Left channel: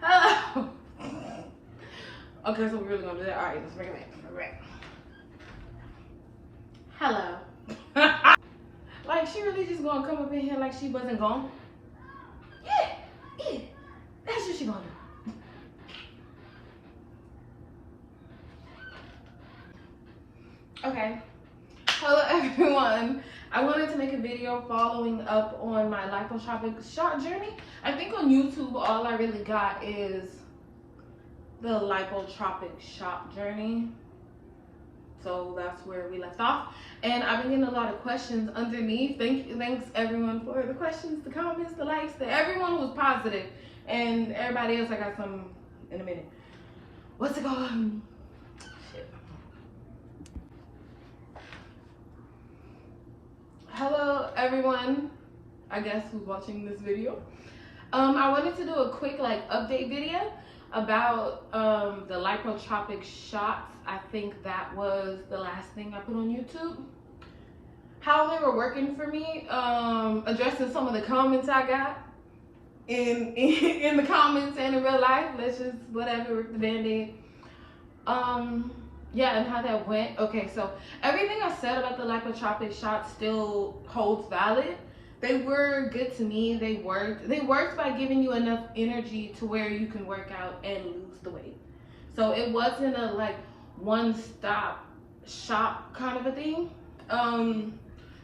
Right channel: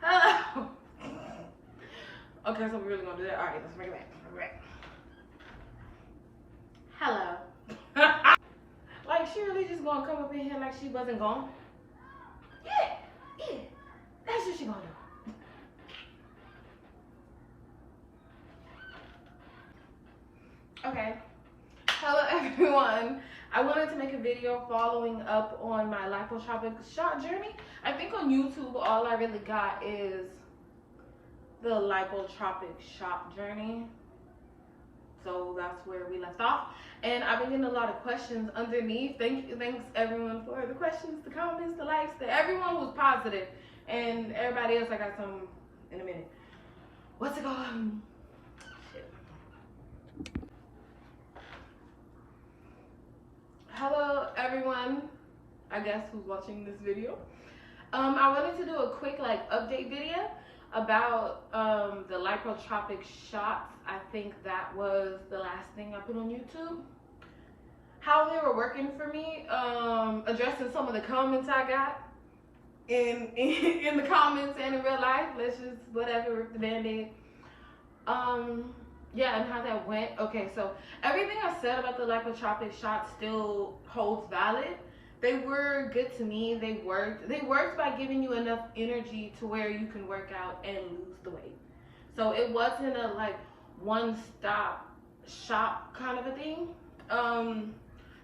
Hello. Okay, so we're really gonna do that. All right, let's bring it back. Hello. Like, she really just gonna come up in here like she wasn't gone? Yeah. That's what she gonna do. Okay. Hello, everyone. I wanted to make a video following up on my Lipotropic shot journey. I think on YouTube, all I really got is the Lipotropic shot journey. So that's where we left off. And I've been getting a lot of questions underneath. Thanks everyone for the questions, the comments, the likes. Everyone was positive. And everybody else, I got some in a minute. What's it called? Shit. Hello everyone, I guess, who's watching this video. I wanted to do a quick update video about the Lipotropic shots. I think that was the last thing I put on YouTube. How they were working for me, addressing some of the comments I got in the comments and in real life. Let's just whatever, rip the band-aid. Yeah, and how that went. Okay, so everything I said about the Lipotropic shots still holds valid. They were good to me. They worked. They worked by giving you enough energy to where you can work out and lose the weight. So it wasn't a one-stop shop kind of a thing.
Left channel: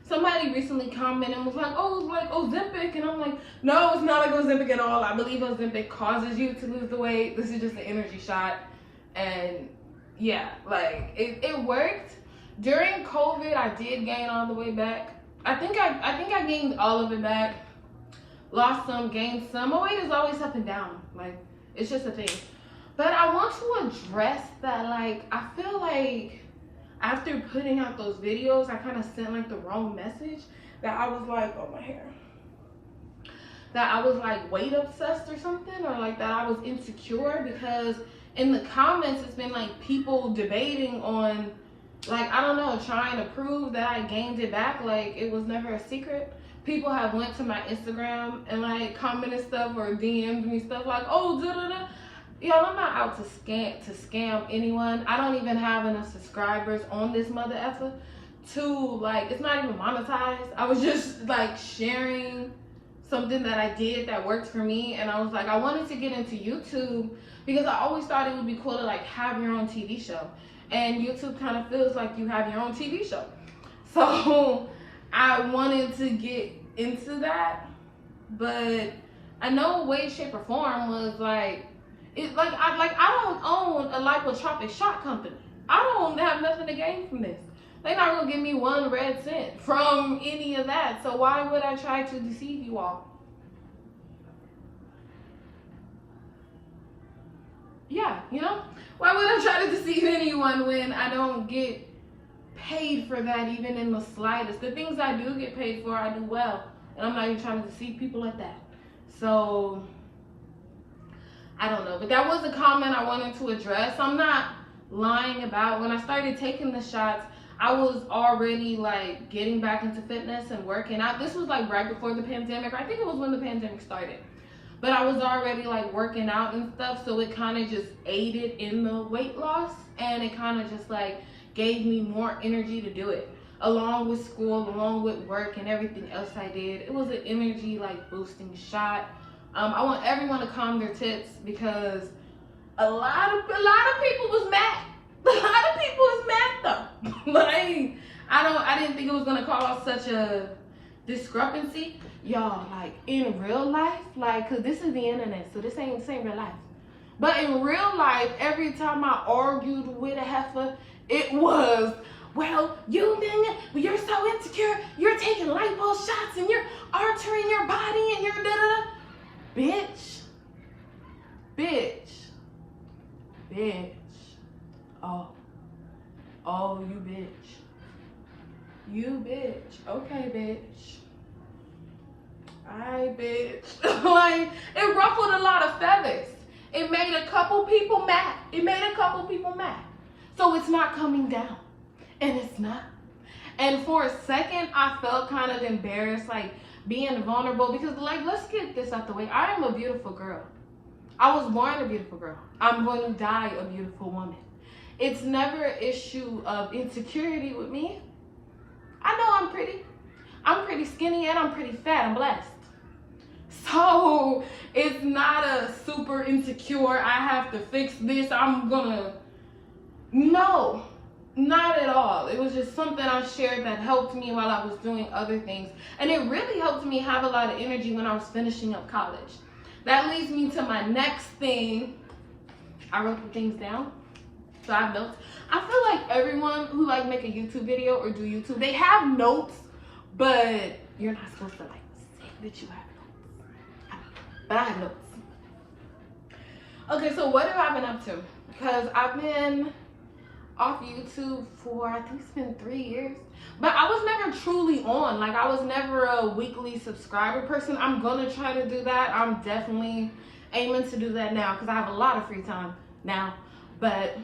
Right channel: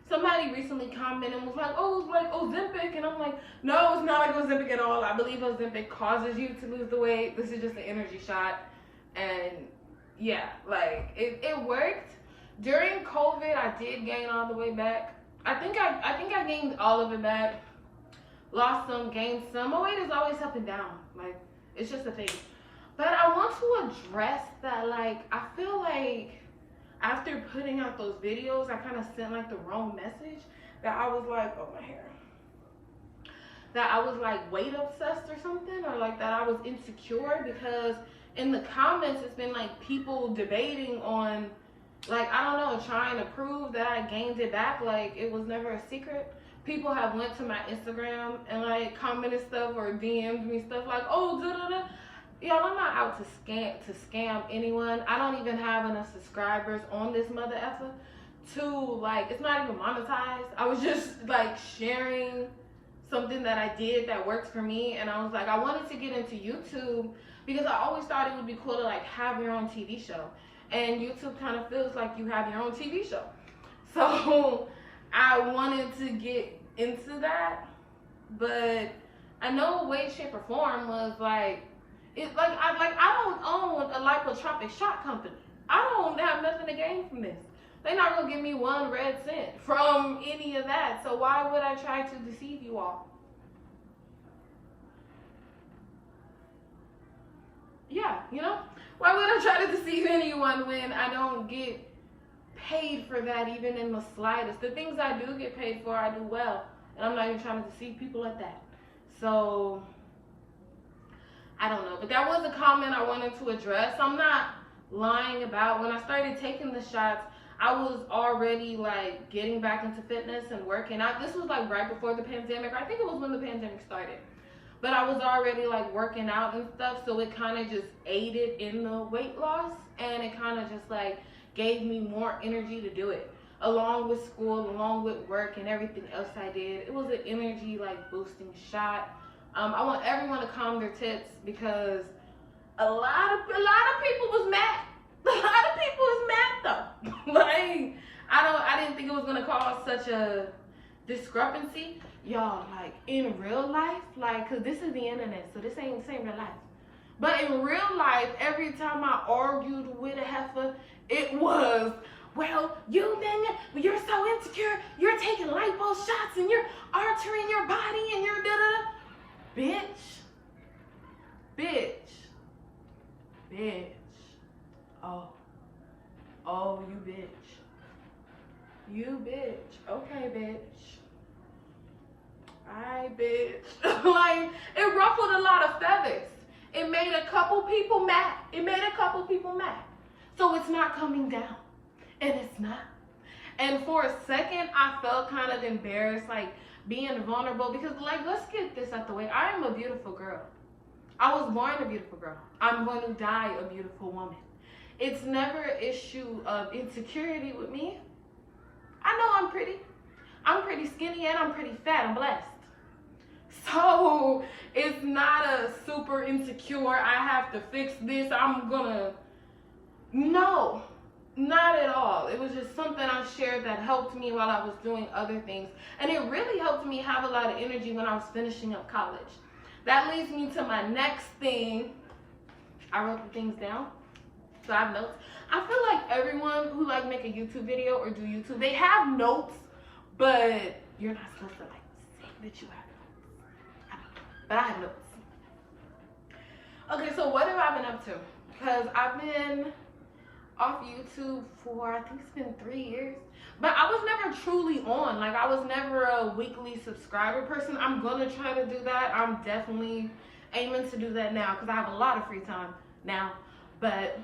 Somebody recently commented and was like, oh, it's like Ozempic. And I'm like, no, it's not like Ozempic at all. I believe Ozempic causes you to lose the weight. This is just an energy shot. And yeah, it worked. During COVID, I did gain all the way back. I think I gained all of it back. Lost some, gained some. My weight is always up and down. It's just a thing. But I want to address that, I feel like after putting out those videos, I kind of sent the wrong message. That I was oh, my hair. That I was weight obsessed or something, or that I was insecure, because in the comments it's been people debating on I don't know, trying to prove that I gained it back. It was never a secret. People have went to my Instagram and commented stuff or DM'd me stuff oh, da-da-da. Y'all, I'm not out to scam anyone. I don't even have enough subscribers on this mother effer to it's not even monetized. I was just sharing something that I did that worked for me, and I was I wanted to get into YouTube because I always thought it would be cool to have your own TV show. And YouTube kind of feels like you have your own TV show. So I wanted to get into that, but I know way, shape, or form was I don't own a Lipotropic shot company. I don't have nothing to gain from this. They're not gonna give me 1 red cent from any of that. So why would I try to deceive you all? Yeah, why would I try to deceive anyone when I don't get paid for that even in the slightest? The things I do get paid for, I do well. And I'm not even trying to deceive people like that. So, I don't know. But that was a comment I wanted to address. I'm not lying about when I started taking the shots, I was already getting back into fitness and working out. This was right before the pandemic. I think it was when the pandemic started. But I was already working out and stuff, so it kind of just aided in the weight loss, and it kind of just gave me more energy to do it. Along with school, along with work and everything else I did. It was an energy boosting shot. I want everyone to calm their tits because a lot of people was mad. A lot of people was mad though. I didn't think it was gonna cause such a discrepancy. Y'all, in real life, cause this is the internet, so this ain't real life. But in real life, every time I argued with a heifer, it was, well, you're so insecure, you're taking lipo shots and you're altering your body and you're da-da-da. Bitch. Oh, you bitch. You bitch. Okay, bitch. Bitch. It ruffled a lot of feathers. It made a couple people mad. So it's not coming down. And it's not. And for a second, I felt kind of embarrassed, being vulnerable, because like, let's get this out the way. I am a beautiful girl. I was born a beautiful girl. I'm going to die a beautiful woman. It's never an issue of insecurity with me. I know I'm pretty. I'm pretty skinny and I'm pretty fat. I'm blessed. So it's not a super insecure, I have to fix this, no, not at all. It was just something I shared that helped me while I was doing other things. And it really helped me have a lot of energy when I was finishing up college. That leads me to my next thing. I wrote the things down, so I have notes. I feel like everyone who like make a YouTube video or do YouTube, they have notes, but you're not supposed to like say that you have notes. But I have notes. Okay, so what have I been up to? Because I've been off YouTube for, I think it's been 3 years. But I was never truly on. Like, I was never a weekly subscriber person. I'm gonna try to do that. I'm definitely aiming to do that now because I have a lot of free time now. But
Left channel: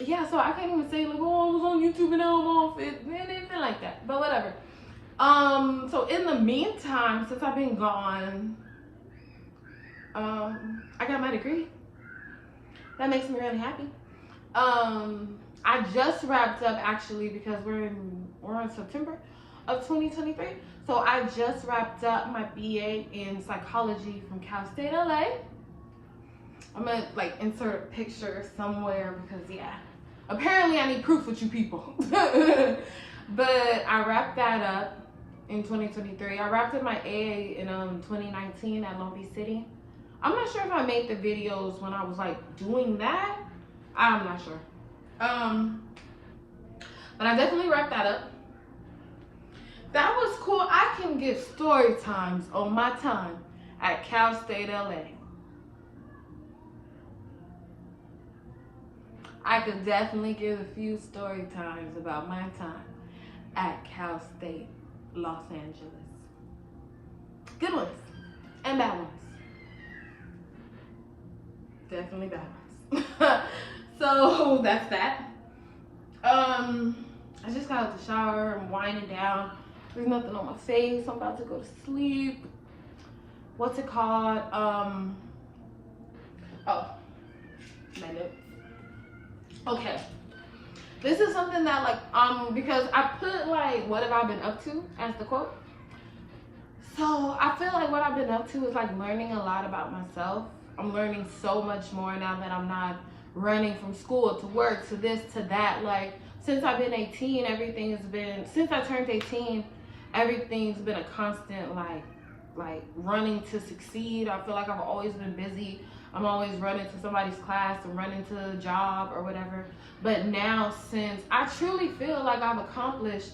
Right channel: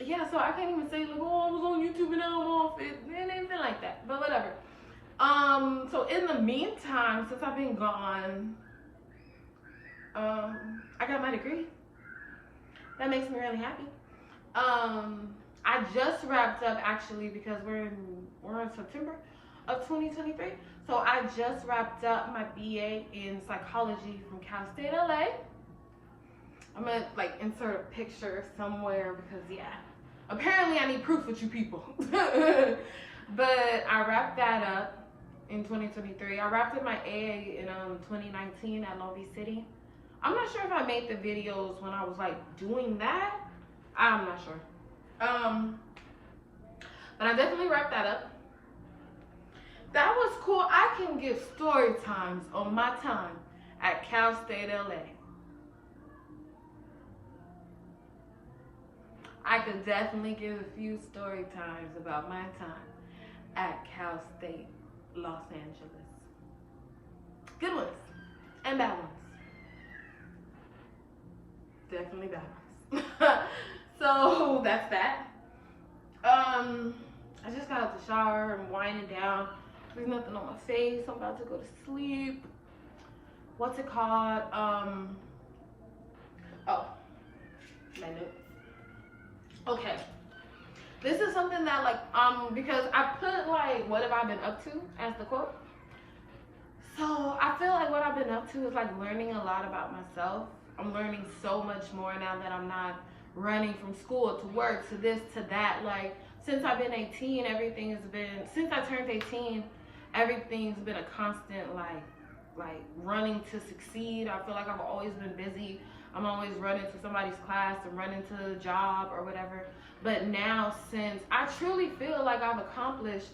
yeah, so I can't even say like, oh, I was on YouTube and now I'm off. It ain't been like that, but whatever. So in the meantime, since I've been gone, I got my degree. That makes me really happy. I just wrapped up, actually, because we're in September of 2023. So I just wrapped up my BA in psychology from Cal State LA. I'm gonna like insert a picture somewhere because yeah, apparently I need proof with you people. But I wrapped that up in 2023. I wrapped up my AA in 2019 at Long Beach City. I'm not sure if I made the videos when I was like doing that. I'm not sure. But I definitely wrapped that up. That was cool. I can give story times on my time at Cal State LA. I could definitely give a few story times about my time at Cal State Los Angeles. Good ones and bad ones. Definitely bad ones. So that's that. I just got out of the shower. I'm winding down. There's nothing on my face. I'm about to go to sleep. What's it called? Oh, my notes. Okay. This is something that like, because I put like, what have I been up to as the quote. So I feel like what I've been up to is like learning a lot about myself. I'm learning so much more now that I'm not running from school to work to this to that. Like, since I've been 18, everything has been, since I turned 18, everything's been a constant like running to succeed. I feel like I've always been busy. I'm always running to somebody's class and running to a job or whatever. But now, since I truly feel like I've accomplished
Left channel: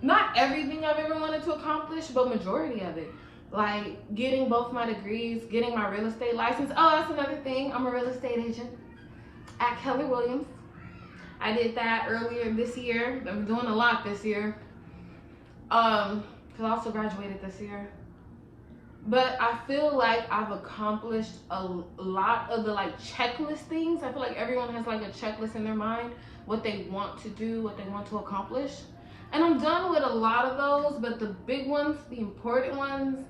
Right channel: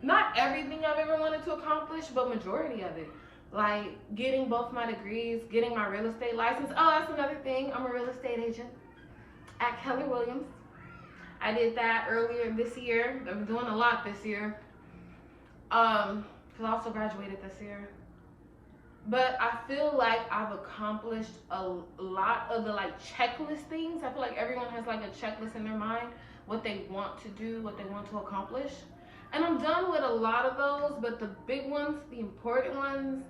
not everything I've ever wanted to accomplish, but majority of it. Like getting both my degrees, getting my real estate license. Oh, that's another thing. I'm a real estate agent at Keller Williams. I did that earlier this year. I'm doing a lot this year. Because I also graduated this year. But I feel like I've accomplished a lot of the like checklist things. I feel like everyone has like a checklist in their mind, what they want to do, what they want to accomplish. And I'm done with a lot of those, but the big ones, the important ones,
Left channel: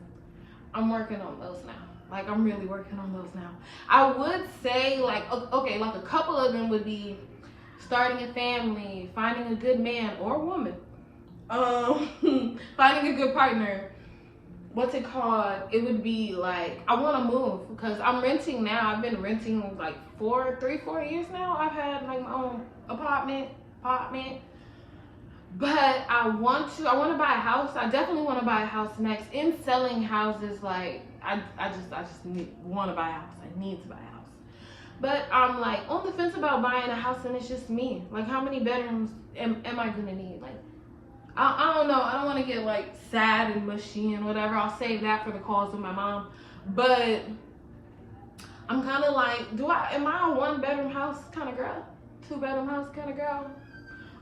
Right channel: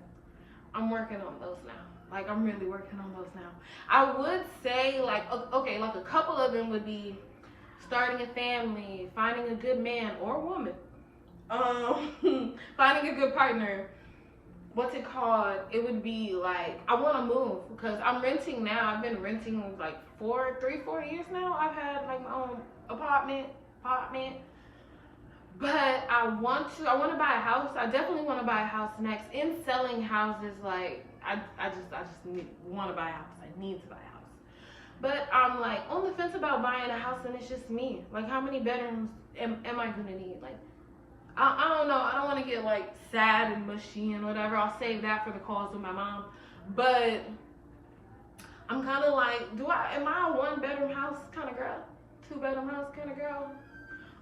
I'm working on those now. Like, I'm really working on those now. I would say, like, okay, like a couple of them would be starting a family, finding a good man or woman, finding a good partner. What's it called? It would be like, I want to move because I'm renting now. I've been renting like 4 years now. I've had like my own apartment. But I want to buy a house. I definitely want to buy a house next. In selling houses, like I just want to buy a house. I need to buy a house. But I'm like on the fence about buying a house, and it's just me. Like, how many bedrooms am I gonna need? Like, I don't know. I don't want to get like sad and mushy and whatever. I'll save that for the calls with my mom. But I'm kind of like, am I a 1-bedroom house kind of girl? 2-bedroom house kind of girl?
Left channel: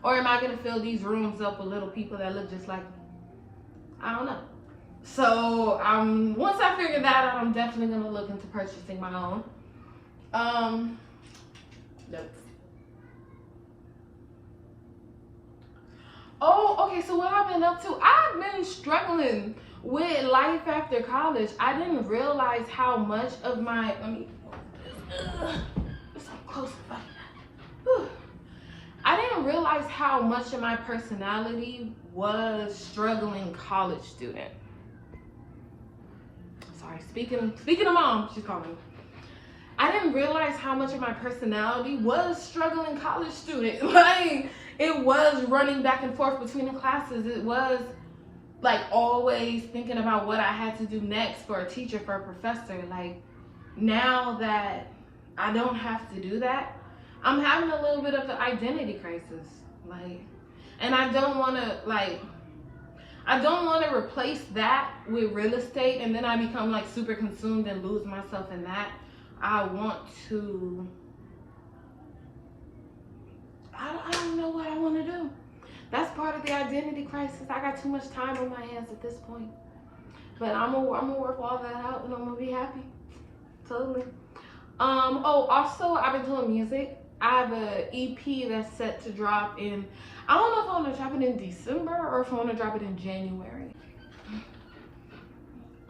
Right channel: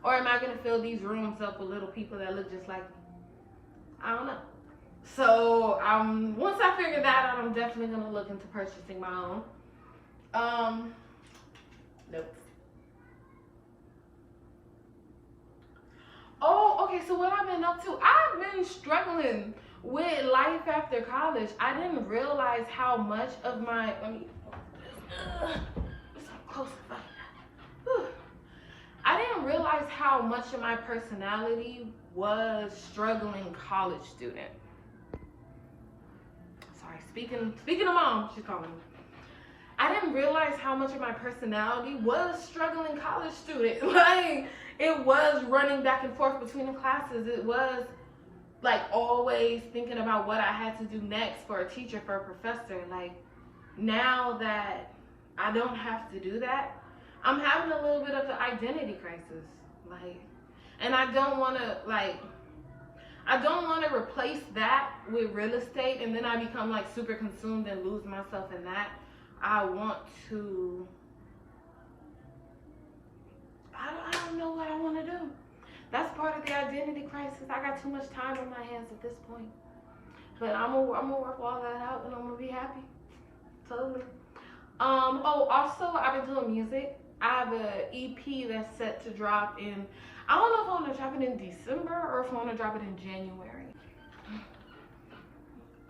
Or am I going to fill these rooms up with little people that look just like me? I don't know. So once I figure that out, I'm definitely going to look into purchasing my own. Nope. Oh, okay, so what I've been up to, I've been struggling with life after college. I didn't realize how much of my, let me, it's so close. Whew. I didn't realize how much of my personality was struggling college student. Sorry, speaking of mom, she's calling me. I didn't realize how much of my personality was struggling college student. Like, it was running back and forth between the classes. It was like always thinking about what I had to do next for a teacher, for a professor. Like, now that I don't have to do that, I'm having a little bit of an identity crisis. Like, and I don't want to replace that with real estate and then I become like super consumed and lose myself in that. I want to, I don't know what I want to do. That's part of the identity crisis. I got too much time on my hands at this point. But I'm gonna work all that out and I'm gonna be happy. Totally. Oh, also I've been doing music. I have an EP that's set to drop in, I don't know if I want to drop it in December or if I want to drop it in January.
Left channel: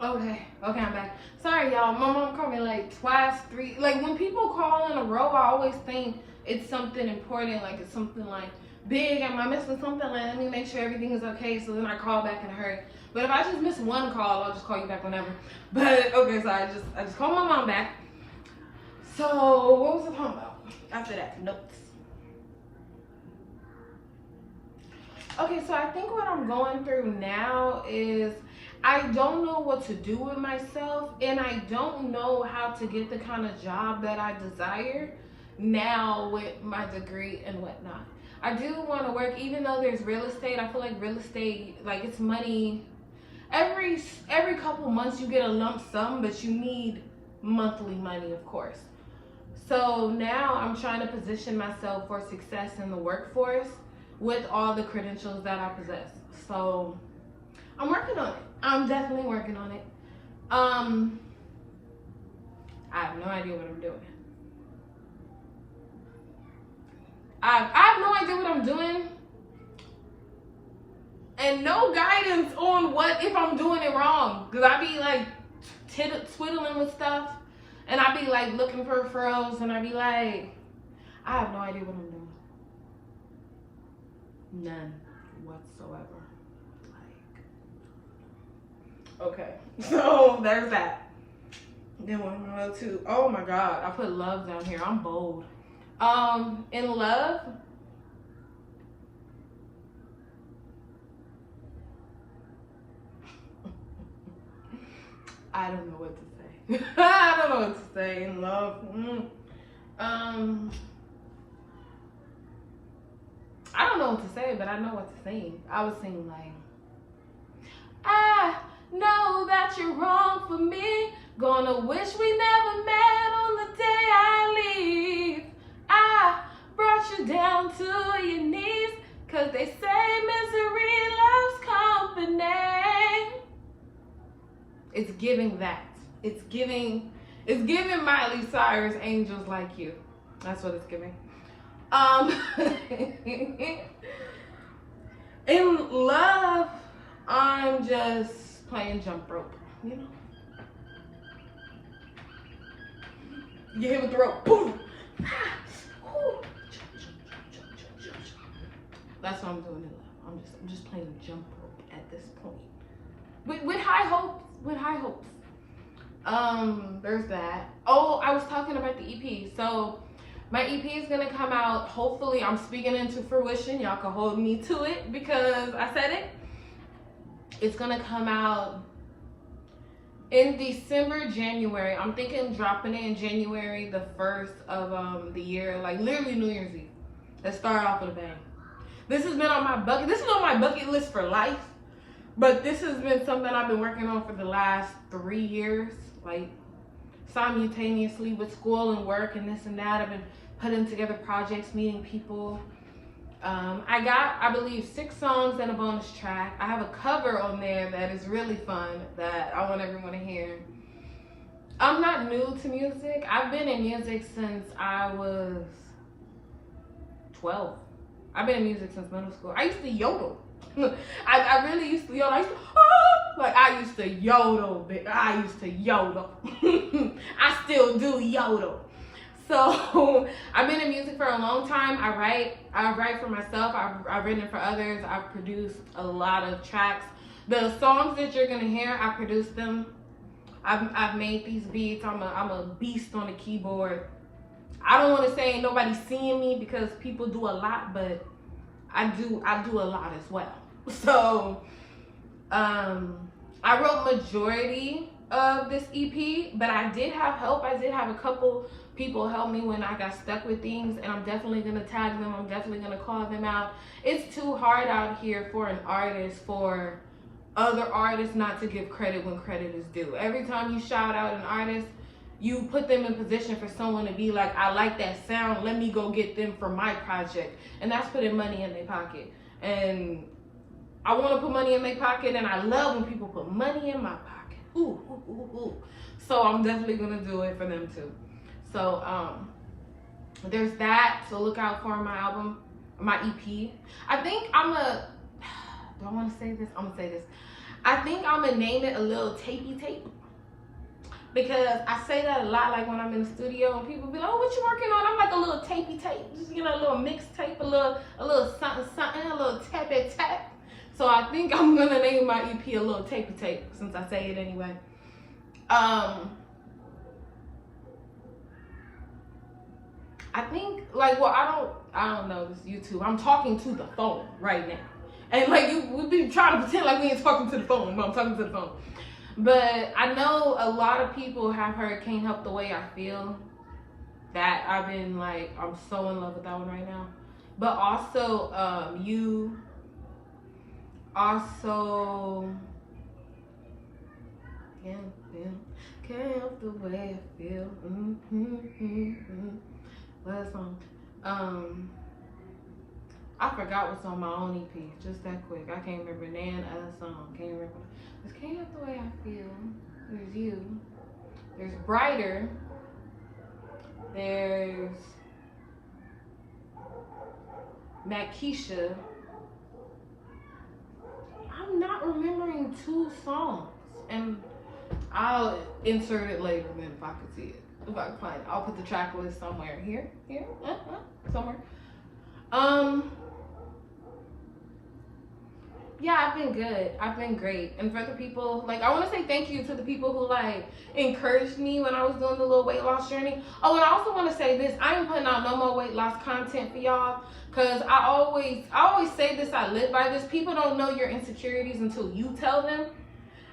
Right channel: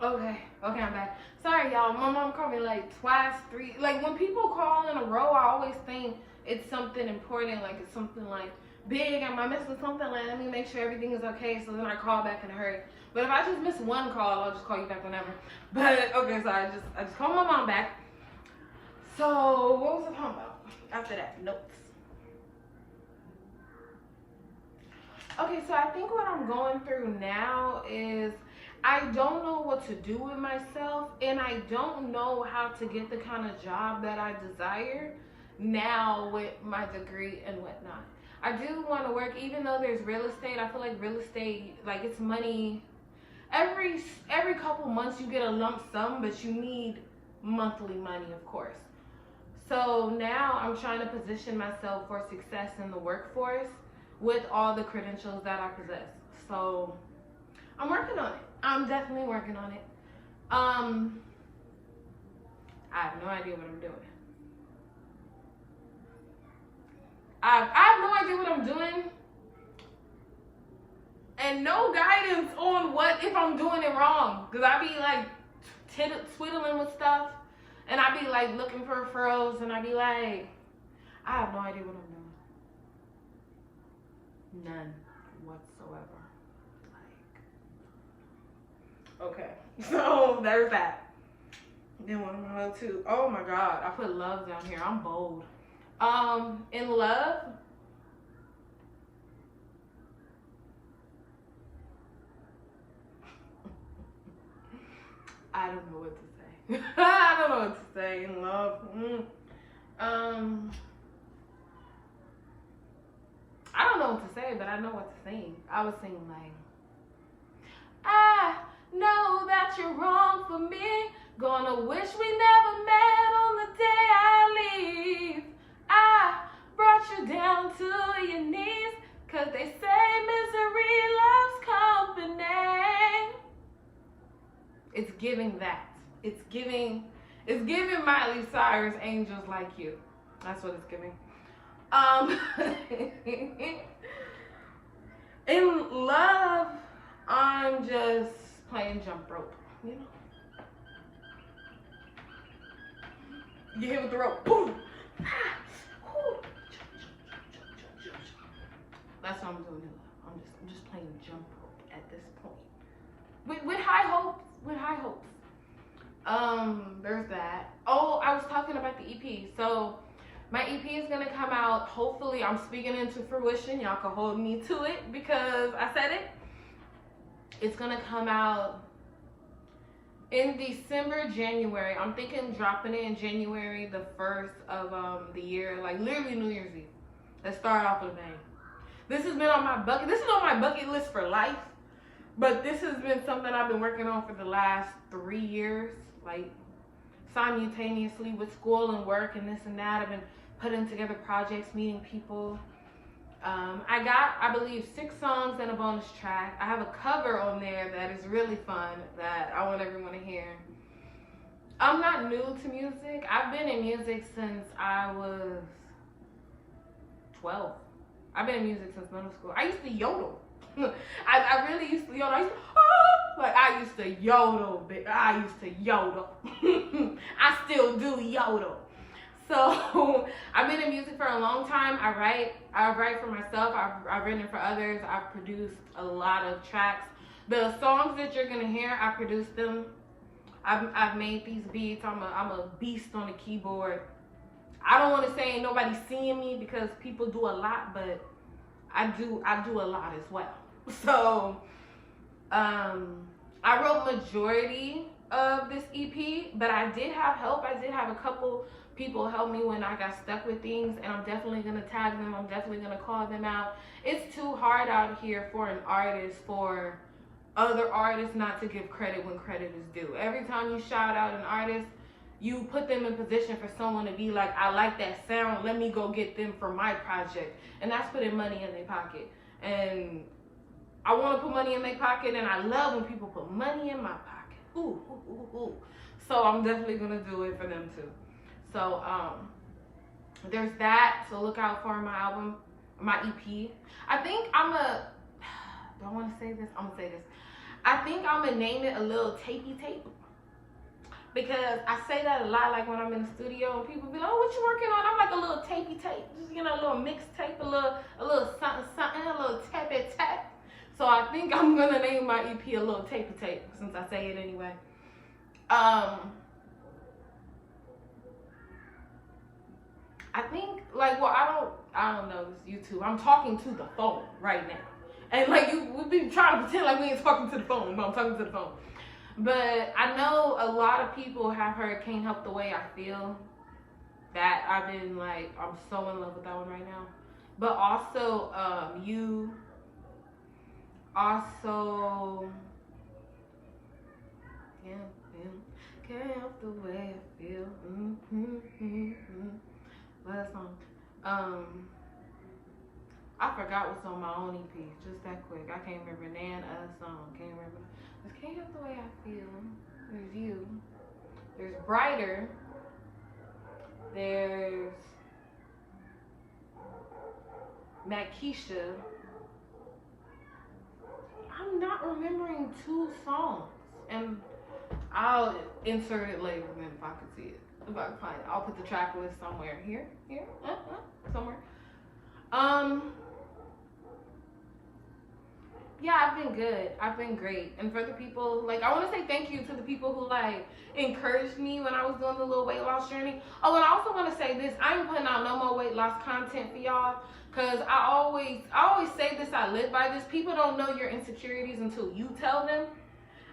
Okay, I'm back. Sorry, y'all. My mom called me like twice, three. Like, when people call in a row, I always think it's something important. Like, it's something like big. Am I missing something? Like, let me make sure everything is okay. So then I call back in a hurry. But if I just miss one call, I'll just call you back whenever. But okay, so I just called my mom back. So what was I talking about after that? Notes. Okay, so I think what I'm going through now is I don't know what to do with myself and I don't know how to get the kind of job that I desire now with my degree and whatnot. I do want to work, even though there's real estate. I feel like real estate, like, it's money. Every couple months you get a lump sum, but you need monthly money, of course. So now I'm trying to position myself for success in the workforce with all the credentials that I possess. So I'm working on it. I'm definitely working on it. I have no idea what I'm doing. I have no idea what I'm doing. And no guidance on what if I'm doing it wrong. Because I be like twiddling with stuff. And I be like looking for referrals. And I be like, I have no idea what I'm doing. None whatsoever. Okay, so there's that. Then what am I up to? Oh my God, I put love down here. I'm bold. In love, I don't know what to say. I don't know what to say in love. I don't know what to say, but I know what to sing. I was singing like, I know that you're wrong for me. Gonna wish we never met on the day I leave. I brought you down to your knees, 'cause they say misery loves company. It's giving that. It's giving Miley Cyrus, Angels Like You. That's what it's giving. In love, I'm just playing jump rope, you know? You hit with the rope, boom! That's what I'm doing in love. I'm just playing jump rope at this point. With high hopes, there's that. Oh, I was talking about the EP. So my EP is gonna come out, hopefully. I'm speaking into fruition. Y'all can hold me to it because I said it. It's gonna come out in December, January. I'm thinking dropping it in January, the 1st of the year, like literally New Year's Eve. Let's start off with a bang. This has been on my bucket. This is on my bucket list for life, but this has been something I've been working on for the last 3 years, like simultaneously with school and work and this and that. I've been putting together projects, meeting people. I got, I believe, 6 songs and a bonus track. I have a cover on there that is really fun that I want everyone to hear. I'm not new to music. I've been in music since I was 12. I've been in music since middle school. I used to yodel. I really used to yodel. I used to, oh, like I used to yodel, bitch. I used to yodel. I still do yodel. So I've been in music for a long time. I write for myself. I've written for others. I've produced a lot of tracks. The songs that you're gonna hear, I produced them. I've made these beats. I'm a beast on the keyboard. I don't want to say ain't nobody seeing me because people do a lot, but I do a lot as well. So I wrote majority of this EP, but I did have help. I did have a couple people help me when I got stuck with things, and I'm definitely gonna tag them. I'm definitely gonna call them out. It's too hard out here for an artist, for other artists not to give credit when credit is due. Every time you shout out an artist, you put them in position for someone to be like, I like that sound, let me go get them for my project. And that's putting money in their pocket. And I want to put money in their pocket, and I love when people put money in my pocket. Ooh, ooh, ooh, ooh. So I'm definitely going to do it for them too. So there's that. So look out for my album, my EP. I think do I want to say this? I'm going to say this. I think I'm going to name it a little tapey tape. Because I say that a lot, like when I'm in the studio and people be like, oh, what you working on? I'm like a little tapey tape, just, you know, a little mixtape, a little something, something, a little tappy tap. So I think I'm gonna name my EP a little tapey tape, since I say it anyway. I think, like, well, I don't know this YouTube. I'm talking to the phone right now. And like we've been trying to pretend like we ain't talking to the phone, but I'm talking to the phone. But I know a lot of people have heard Can't Help the Way I Feel. That I've been like, I'm so in love with that one right now. But also, You. Also, yeah. Can't help the way I feel. Last song. I forgot what's on my own EP, just that quick. I can't remember none other song. Can't remember. There's Can't Help the Way I Feel. There's You. There's Brighter. There's Makisha. I'm not remembering 2 songs. And I'll insert it later then if I could see it. If I can find it. I'll put the track list somewhere. Here, somewhere. Yeah, I've been good. I've been great. And for the people, like, I want to say thank you to the people who, like, encouraged me when I was doing the little weight loss journey. Oh, and I also want to say this. I ain't putting out no more weight loss content for y'all. Because I always say this. I live by this. People don't know your insecurities until you tell them.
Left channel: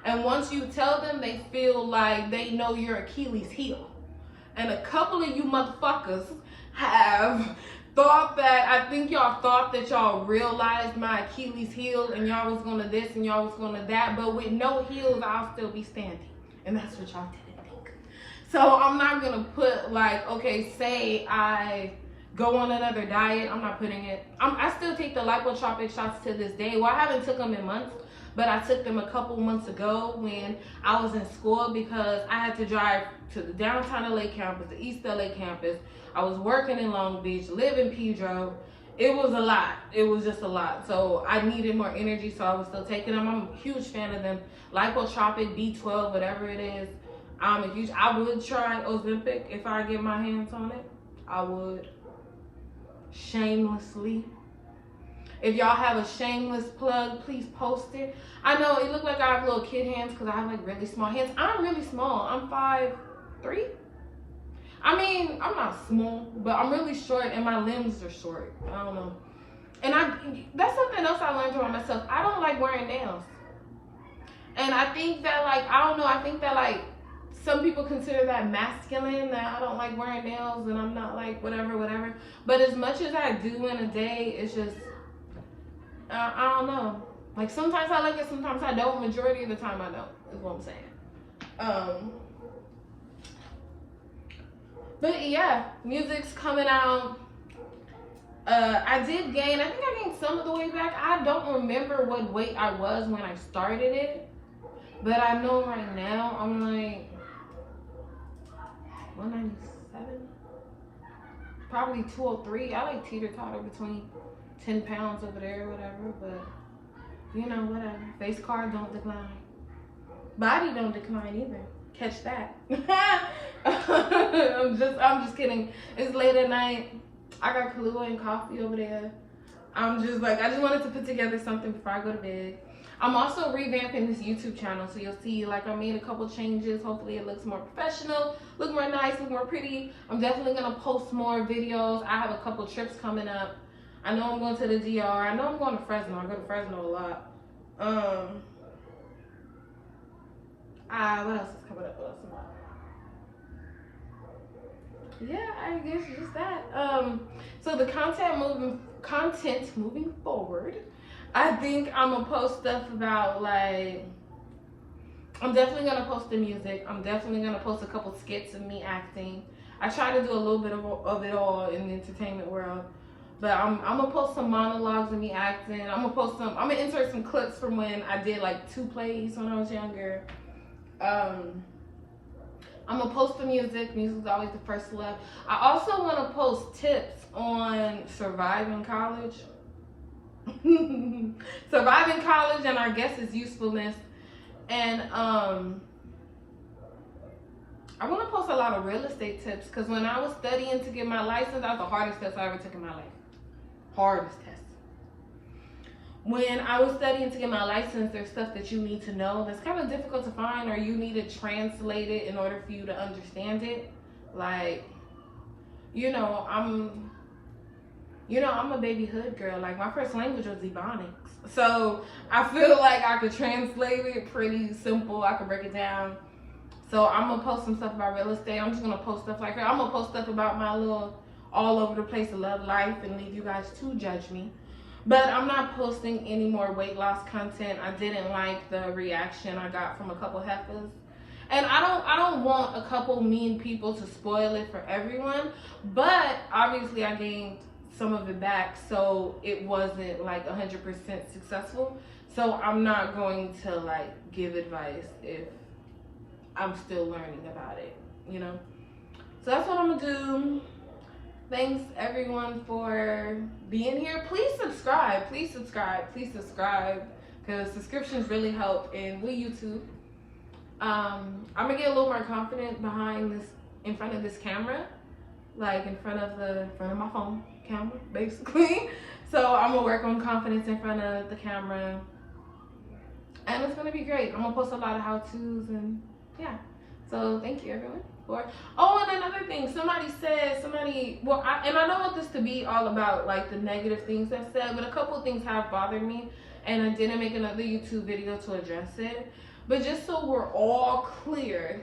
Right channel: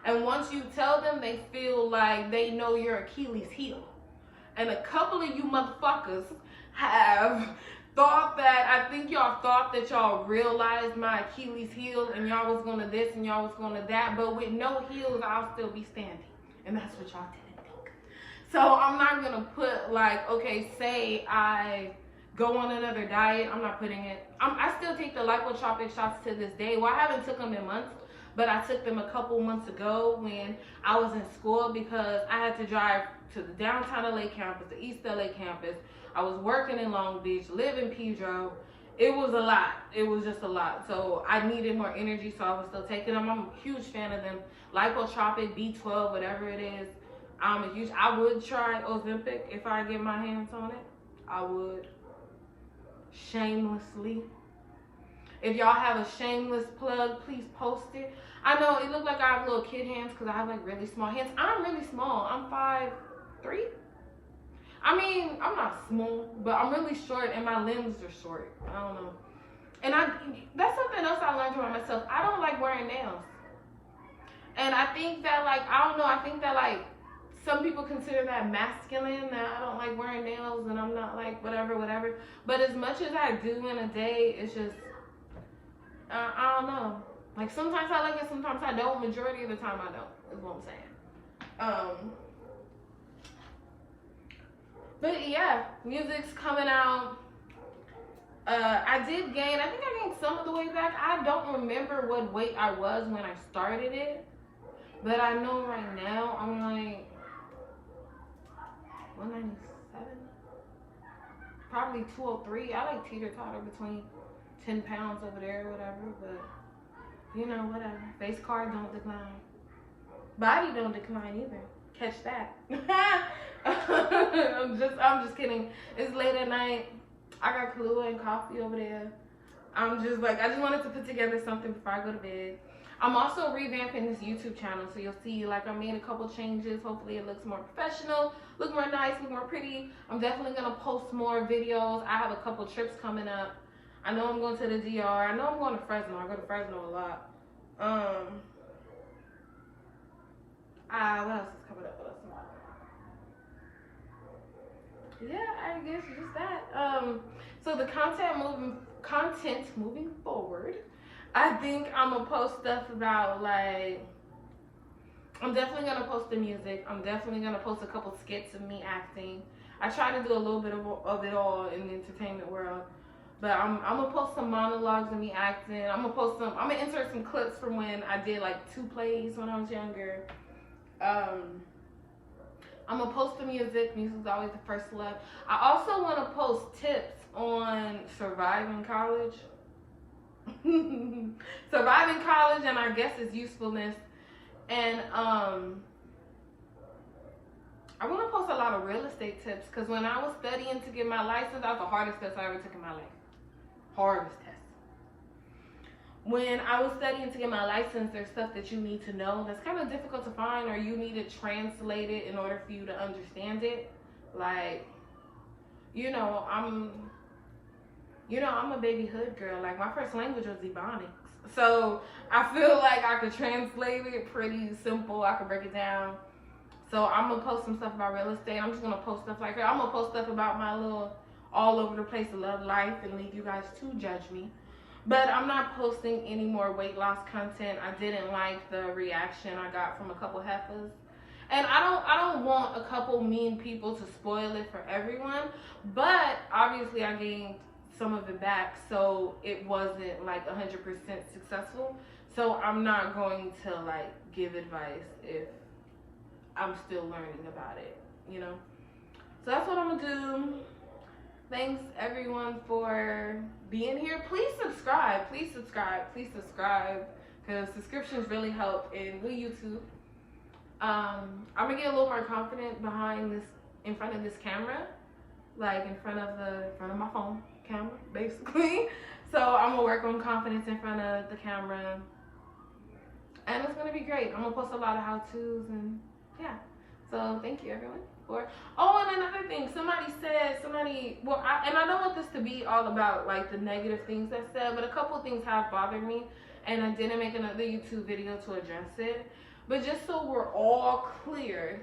And once you tell them, they feel like they know your Achilles heel. And a couple of you motherfuckers have thought that, I think y'all thought that y'all realized my Achilles heel and y'all was gonna this and y'all was gonna that, but with no heels, I'll still be standing. And that's what y'all didn't think. So I'm not gonna put like, okay, say I go on another diet, I'm not putting it. I still take the Lipotropic shots to this day. Well, I haven't took them in months, but I took them a couple months ago when I was in school because I had to drive to the downtown LA campus, the East LA campus. I was working in Long Beach, live in Pedro. It was a lot. It was just a lot. So I needed more energy, so I was still taking them. I'm a huge fan of them. Lipotropic, B12, whatever it is. I would try Ozempic if I get my hands on it. I would. Shamelessly. If y'all have a shameless plug, please post it. I know it looked like I have little kid hands because I have like really small hands. I'm really small. I'm 5'3". I mean, I'm not small, but I'm really short and my limbs are short. I don't know. And that's something else I learned about myself. I don't like wearing nails. And I think that, like, I don't know, I think that, like, some people consider that masculine, that I don't like wearing nails and I'm not like whatever. But as much as I do in a day, it's just, I don't know. Like, sometimes I like it, sometimes I don't. Majority of the time I don't, is what I'm saying. But yeah, music's coming out. I did gain, I think I gained some of the weight back. I don't remember what weight I was when I started it. But I know right now I'm like 197. Probably 203. I like teeter-totter between 10 pounds over there or whatever. But you know, whatever. Face card don't decline. Body don't decline either. Catch that. I'm just kidding. It's late at night. I got Kahlua and coffee over there. I'm just like, I just wanted to put together something before I go to bed. I'm also revamping this YouTube channel, so you'll see like I made a couple changes. Hopefully it looks more professional, look more nice, look more pretty. I'm definitely gonna post more videos. I have a couple trips coming up. I know I'm going to the DR. I know I'm going to Fresno. I go to Fresno a lot. What else is coming up? What else am I? Yeah, I guess just that. So the content moving forward, I think I'm gonna post stuff about like, I'm definitely gonna post the music. I'm definitely gonna post a couple skits of me acting. I try to do a little bit of it all in the entertainment world, but I'm gonna post some monologues of me acting. I'm gonna insert some clips from when I did like 2 plays when I was younger. I'm gonna post the music. Music's always the first love. I also want to post tips on surviving college. Surviving college, and I guess its usefulness. And I want to post a lot of real estate tips, because when I was studying to get my license, that was the hardest test I ever took in my life. Hardest test. When I was studying to get my license, there's stuff that you need to know that's kind of difficult to find, or you need to translate it in order for you to understand it. Like, I'm a baby hood girl. Like, my first language was Ebonics. So I feel like I could translate it pretty simple. I could break it down. So I'm going to post some stuff about real estate. I'm just going to post stuff like her. I'm going to post stuff about my little all over the place love life and leave you guys to judge me. But I'm not posting any more weight loss content. I didn't like the reaction I got from a couple heifers. And I don't want a couple mean people to spoil it for everyone. But obviously I gained some of it back, so it wasn't like 100% successful. So I'm not going to like give advice if I'm still learning about it, you know? So that's what I'm gonna do. Thanks everyone for being here. Please subscribe, because subscriptions really help in with YouTube. I'm gonna get a little more confident in front of this camera, like in front of my phone camera, basically. So I'm gonna work on confidence in front of the camera, and it's gonna be great. I'm gonna post a lot of how-tos, and yeah. So thank you everyone for. Oh, and another thing, I don't want this to be all about like the negative things I said, but a couple of things have bothered me, and I didn't make another YouTube video to address it. But just so we're all clear,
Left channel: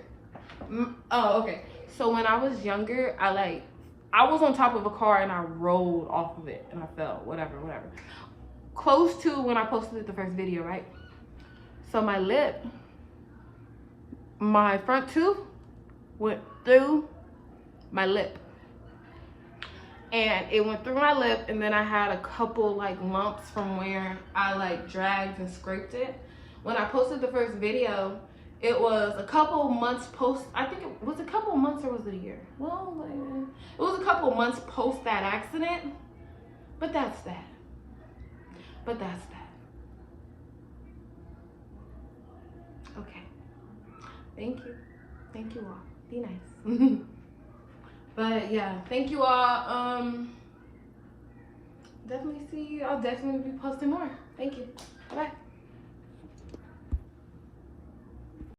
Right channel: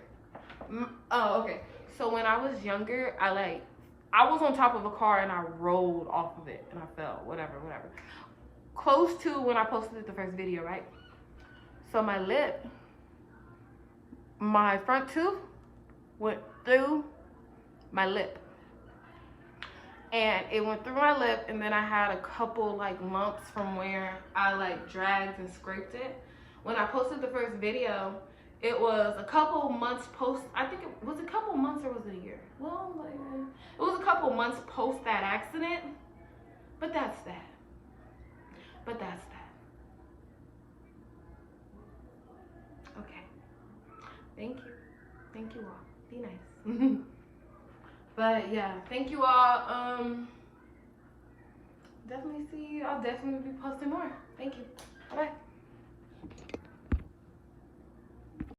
okay. So when I was younger, I was on top of a car and I rolled off of it and I fell, whatever. Close to when I posted the first video, right? So my front tooth went through my lip. And it went through my lip, and then I had a couple like lumps from where I like dragged and scraped it. When I posted the first video, it was a couple months post. I think it was a couple months, or was it a year? Well, it was a couple months post that accident. But that's that. Okay. Thank you all. Be nice. But yeah, thank you all. Definitely see you. I'll definitely be posting more. Thank you. Bye bye.